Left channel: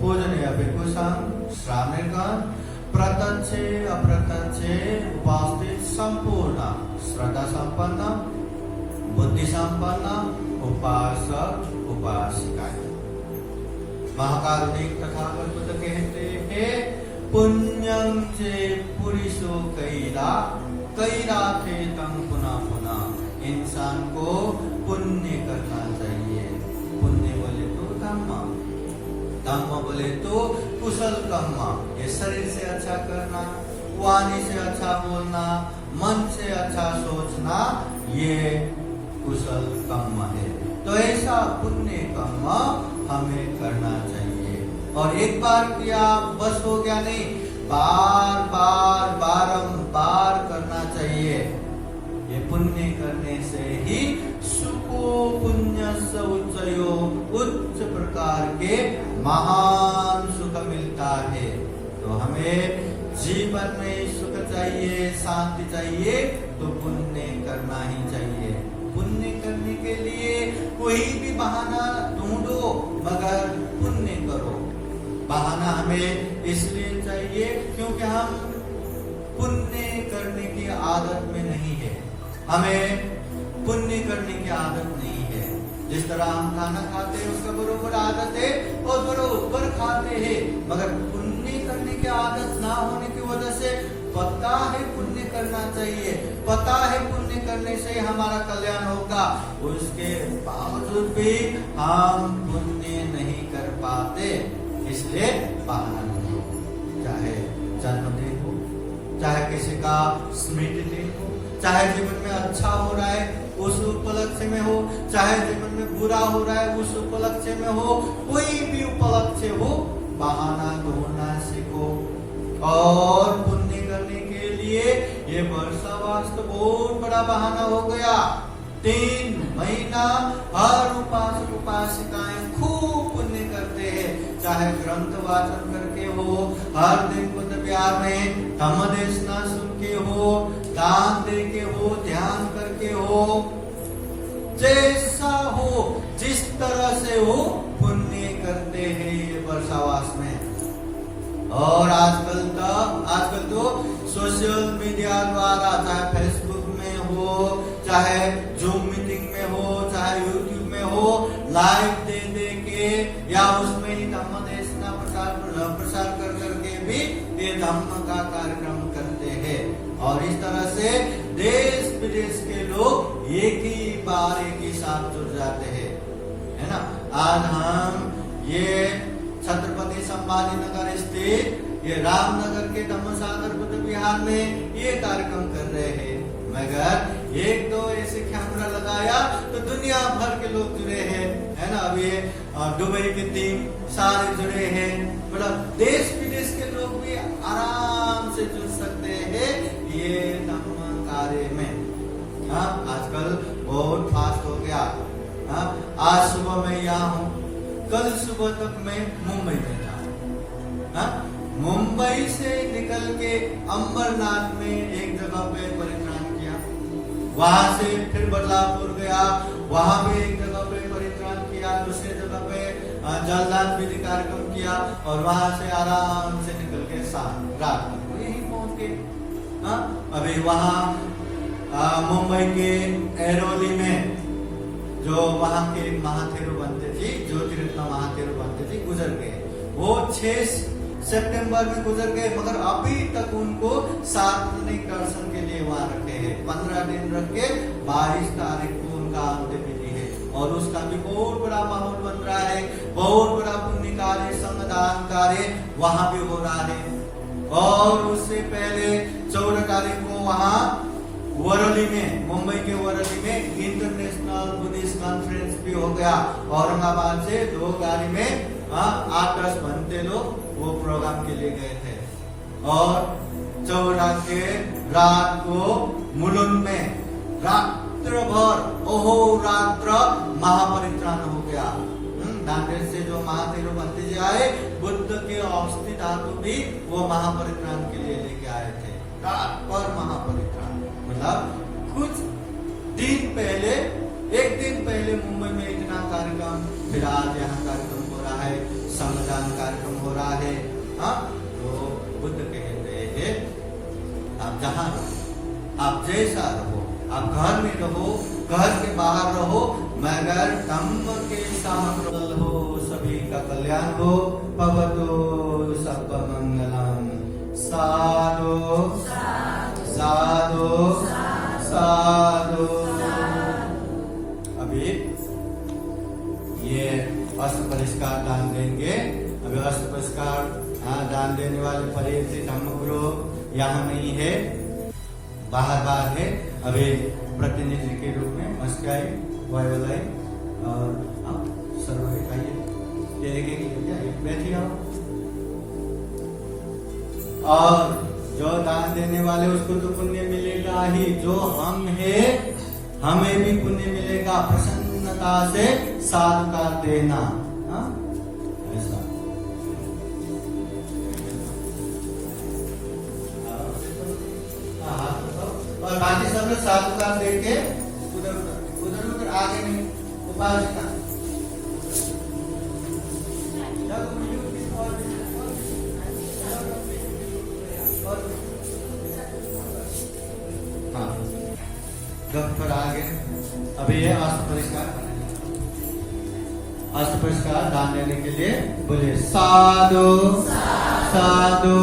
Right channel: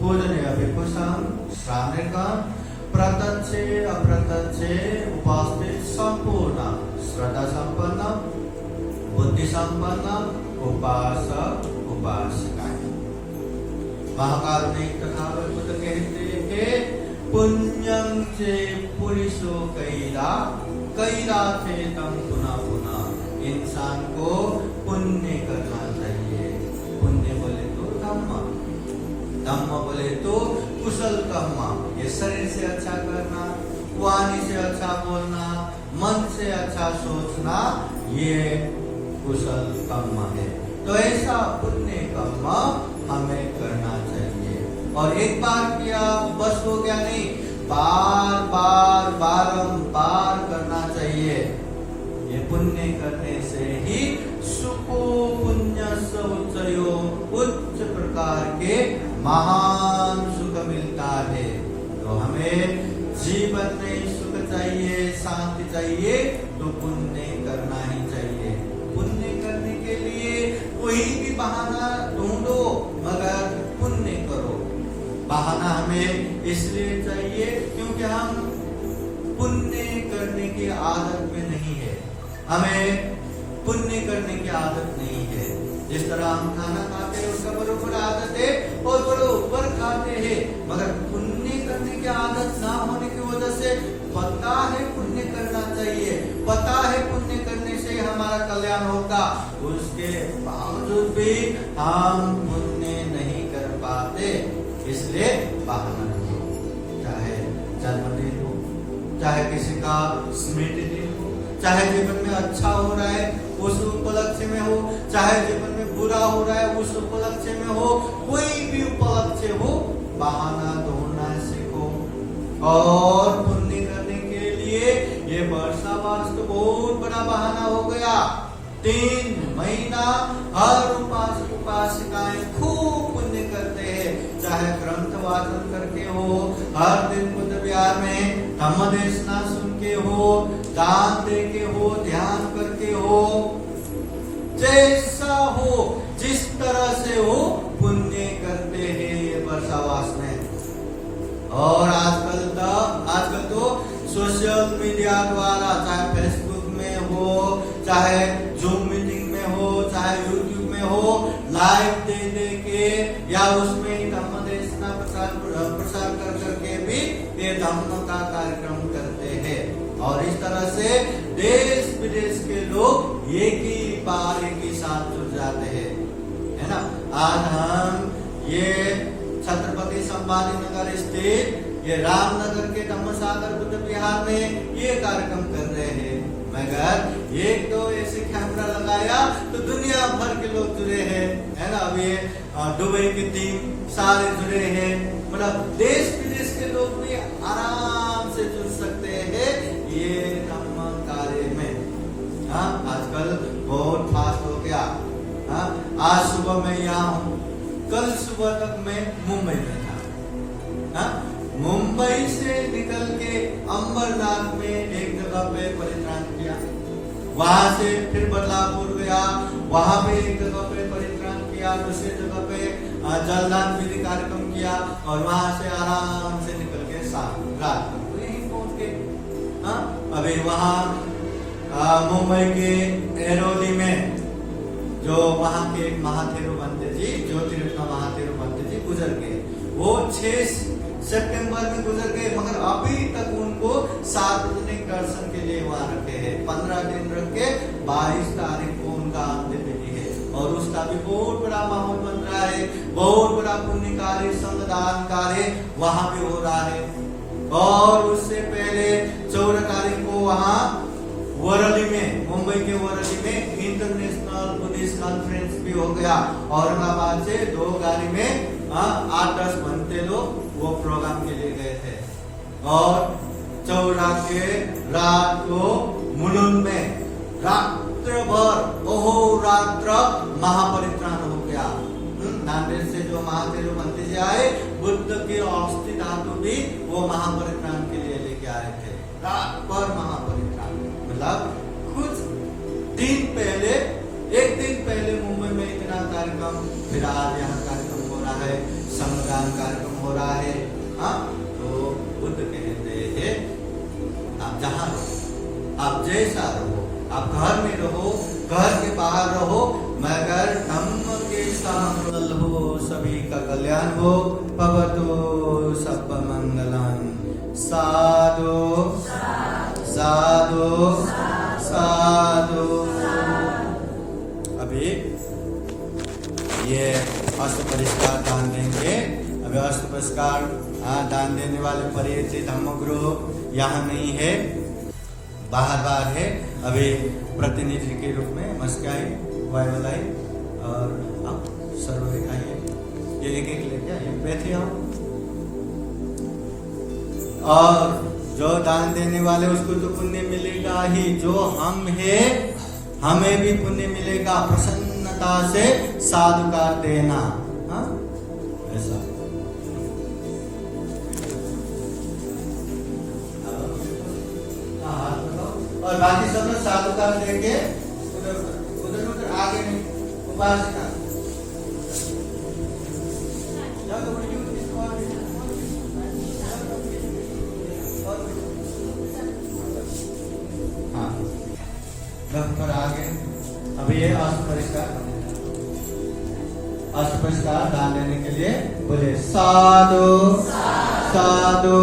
पूजनीय भिक्षुसं श्रावणिकं प्रत्यक्षे अप्रत्यक्षे उपस्थित संपूर्ण श्रद्धा संपन्न बुद्धि संपन्न उपासक उपासिकाएं। महाकारुणिक तथागत बुद्ध कहते हैं पुण्यं चे पुरुषो कैला कैला थे तम पुनः पुनः। इंसान को पुण्य करना चाहिए। पुण्य बोले तो धम्म, धम्म बोले तो कुशल कर्म। ये शरीर से अच्छा करना, वाणी से अच्छा बोलना, मन से अच्छा सोचना, ये कुशल कर्म है। तो ऐसा पुण्य कर्म हमें करना चाहिए। और एक बार किया बस हो गया नहीं, बार बार बारंबार करना चाहिए। ये पुण्य करने से ही सुखो पुण्य सौचयो उच्च प्रकार के महान सुख मिलता है। तो हमें जीवन में सुख चाहिए, शांति चाहिए, तो पुण्य करना ही चाहिए। पुण्य करने के लिए कोई भी बहाना ढूंढो, मगर पुण्य करो। बहाना हमें इसलिए चाहिए क्योंकि हम पुण्य करने की आदत में नहीं है। हमें पुण्य करने की आदत नहीं है। जिस तरह हम खाना खाते हैं उसका बरोबर आदत है और बरोबर खाते हैं, मगर पुण्य करने की आदत ना होने की वजह से पता है पुण्य करना चाहिए, पता है पुण्य करने से हमारा कल्याण होगा, उसके बावजूद भी हम पुण्य नहीं कर पाते। इसलिए बहाना नहीं। चाहे जन्मदिन हो, चाहे किसी का स्मृति दिन हो, चाहे जीवन में अच्छा हो रहा है उस उपलक्ष्य में हो, चाहे जीवन में बुरा हो रहा है उस उपलक्ष्य में हो, कोई भी उपलक्ष्य हो, बहाना ढूंढना सीखो। और पुण्य करने के लिए ये वर्षा वास तो बहुत बड़ा बहाना हो गया। 3 महीना हर उपासक उपासिकाएं खूब पुण्य करते हैं। चाहे ग्रंथ वाचन करके हो, हर दिन बुद्ध विहार में धम्म देशना सुन के हो, दान दे के हो, ध्यान करके हो, जैसा हो, जिस तरह से हो, पुण्य करते हैं ये वर्षावास में। और आजकल तो सोशल मीडिया द्वारा, चाहे फेसबुक में हो, चाहे जूम मीटिंग में हो, चाहे यूट्यूब में हो, लाइव दे दे के या उसमें ही धम्म देशना प्रसार कर करके भी ये धम्म का कार्यक्रम करते हैं। और इस तरह से देश विदेश के लोग एक ही साथ जुड़ जाते हैं, है ना। आज हम ये छत्रपति संभाजी नगर स्थित ये रामनगर के धम्मसागर बुद्ध विहार में ये कार्यक्रम कर रहे हैं, मगर एक तो ऐसे कैमरा लगाया तो दुनिया भर के लोग जुड़े हैं, है ना। अभी दुबई की टीम सारे जुड़े हैं, मतलब देश विदेश के लोग भी आराम से जुड़ सकते हैं ये धम्म कार्य में। हाँ, आजकल बहुत फास्ट हो गया। हाँ, आज सुबह मैं यहाँ हूँ, कल सुबह तक मैं मुंबई में था। हाँ, मुंबई से निकल के अंबरनाथ में एक जगह पे परित्राण किया, वहां से फिर बदलापुर गया, वहां पे एक जगह पे परित्राण किया, दूसरी जगह पे जलदान विधि कार्यक्रम किया, और वहां से आराम से निकल के रात को यही पहुंच गए। हाँ, अभी वहां मुंबई के एरोली में जो वहां के महाथेरो बनते जी, ज्योतिरत्न महाथेरो बनते जी गुजर गए। वो 6 सितंबर में गुजर गए, मगर अभी तक उनको सार्वजनिक दर्शन के लिए वहां रखे हैं। 15 दिन रख के 22 तारीख को उनका अंतिम विधि है, और उसका भी बहुत बड़ा माहौल बन रहा है, बहुत बड़ा पुण्य कार्य, संगदान कार्य वहां भी हो रहा है। और उससे पहले 14 तारीख को वहां वरली में, मुंबई के वरली में इंटरनेशनल बुद्धिस्ट कॉन्फ्रेंस भी हो गया। औरंगाबाद से 2 गाड़ी में 8-10 घंटे लोग वो प्रोग्राम के लिए गए थे। और 14 के रात को मुलुंड में रात्र भर अहोरात्र महापरित्राण हो गया। नांदेड़ से जो महाथेरो बनते जी आए, बुद्ध के अस्थि धातु भी वो महापरित्राण के लिए लेके आए थे। रात भर महापरित्राण, मतलब कुछ दिन पहले, एक दिन पहले मुंबई में इतना कार्यक्रम, फिर आज यहाँ कार्यक्रम हो रहा है संगदान दान कार्यक्रम हो रहा है। हाँ, तो बुद्ध कहते हैं आप जहाँ रहो, आप जैसा रहो, आप घर में रहो, घर के बाहर रहो, मगर धम्म के साथ हो, सभी का कल्याण हो। भवतु सर्व मंगलम। साधु साधु साधु। अभी ये अष्ट परिष्कार दान देंगे। अभी अष्ट परिष्कार दान देने वाले परिचित धर्मगुरु यहाँ नहीं है, बाहर है। अभी प्रतिनिधि के रूप में मस्काई वायुलाई और आप सर्व दिखाइए, ये लेके जाइए, बैठे आओ। और जो दान देने वाले उसको तो पुण्य मिलेगा ही, जो हम है हमें भी पुण्य मिलेगा। प्रसन्नता से साधुकार देना। हाँ, ऐसा और बाकी सब लोग साधुकार देंगे। उधर उधर उधर आगे नहीं, उपासिका थोड़ा आगे। अभी ये अष्ट परिष्कार दान देने के लिए बोले साधु साधु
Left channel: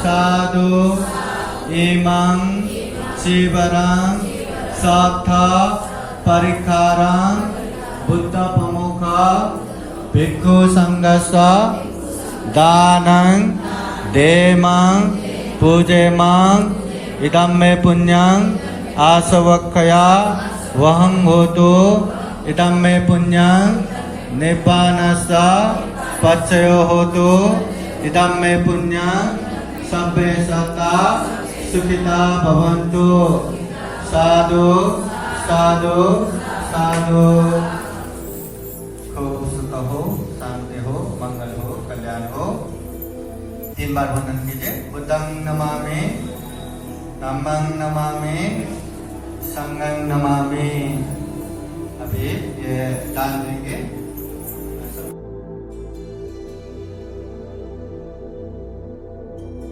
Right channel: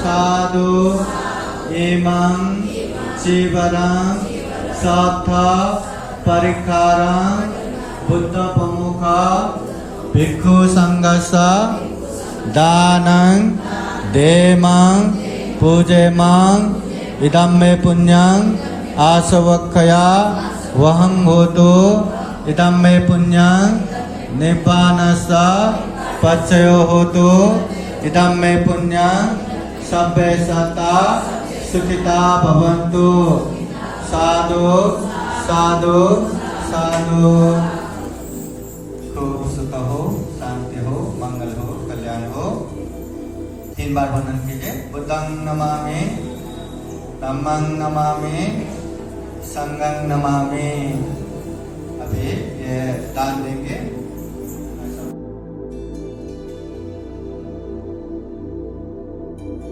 साधु। इमं चिवरं सत्था परिखारं बुद्ध प्रमुखा भिक्षु संघस्य दानं देमं पूजेमं इदं मे पुण्यं आसवक्खया वहं होतु इदं मे पुण्यं निब्बानस्य पच्चयो होतु इदं मे पुण्यं सब्बे सत्ता सुखिता भवन्तु। साधु साधु साधु। खूब सुख हो, शांति हो, मंगल हो, कल्याण हो। 3 बार वंदन कीजिए। बुद्धं नमामि, धम्मं नमामि, संघं नमामि। अभी ये दान देंगे।